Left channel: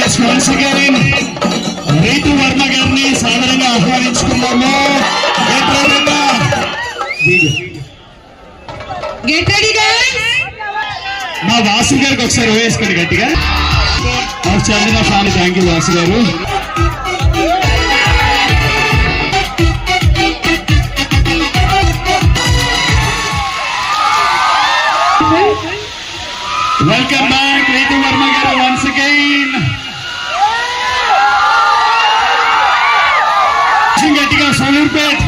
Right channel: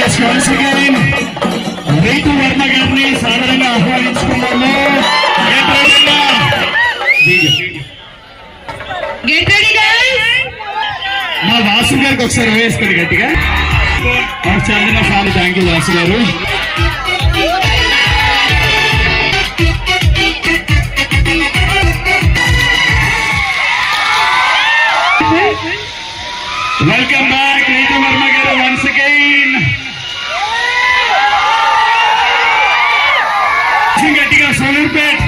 Yes once again రైతు వర్మ గారిని సాధారణంగా ఆహ్వానించుకున్నాము. Get ready guys. మా వాసు గారికి ఒకసారి వేసుకోండి గట్టిగా. చాలా చాలా థ్యాంక్ యూ వాసు గారు. వెల్కమ్ బ్యాక్ రైతు వర్మ గారు వన్స్ అగైన్. గట్టిగా సూర్పేట్.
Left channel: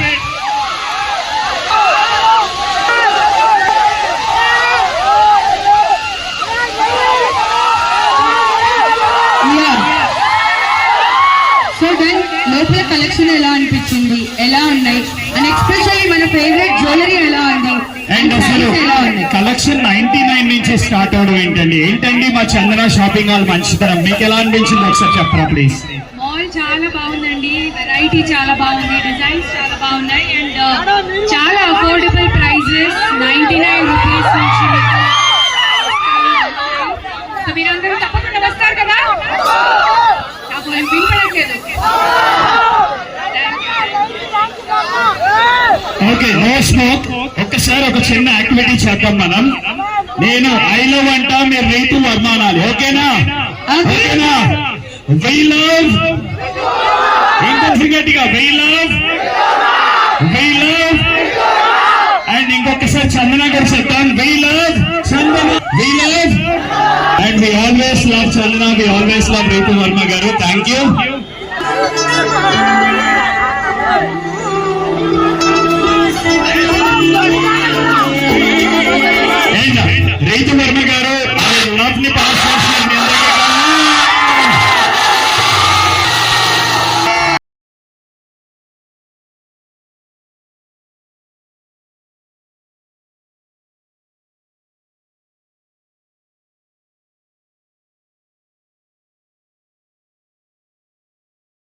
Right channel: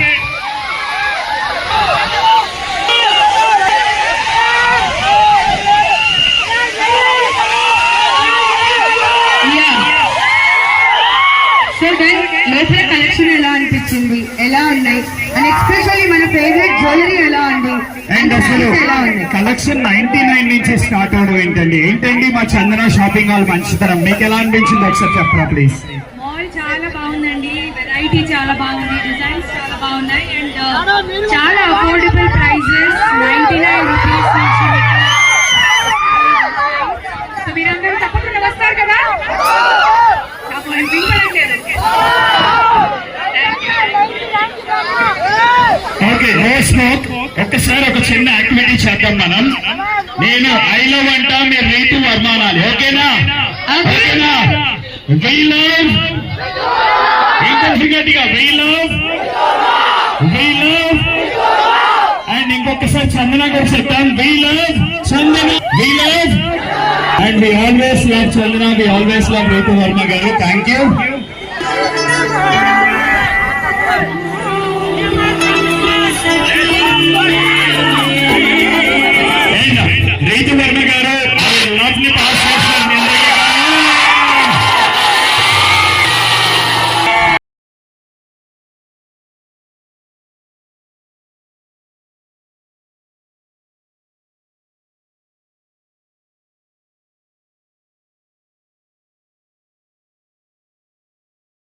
లోపల కలెక్షన్ ఎలా అనిపించింది, ఎలా ఉన్నాయి అండ్ ఎక్స్పెషల్లీ మన ఫేవరెట్ జ్యువెలరీ ఎలా ఉంది అండ్ అసలు కలెక్షన్ 99 నుంచి స్టార్ట్ అవడం ఏంటండి మా చందన షాపింగ్ మాల్ మంచితనం. మీకు ఎలా అనిపించింది ఒకసారి చెప్పరా ప్లీజ్. మాల్ చాలా బాగుందండి, వెరైటీ చాలా బాగుంది, డిజైన్స్ చాలా బాగున్నాయి అండ్ చాలా అఫోర్డబుల్ ప్రైజెస్ 99 రూపీస్ నుంచి. మీరందరూ తప్పకుండా వస్తారు కదా. నాకు వినిపించలేదు. Okay no smoke. ఒక్కసారి ఒక చిన్న యాక్టివిటీ చేద్దాం మనం. నేను ఐ లవ్ అంటా, మీరు రైతు వర్మ అనాలి. ఓకేనా? ఓకేనా? వై లవ్ గట్టిగా why love why love. And ఇంకొకసారి చందన కూడా చెప్తాను why love Chandana why love. And we always love Chandana, we always love రైతు వర్మ గారు. Thank you. రైతు వర్మ గారు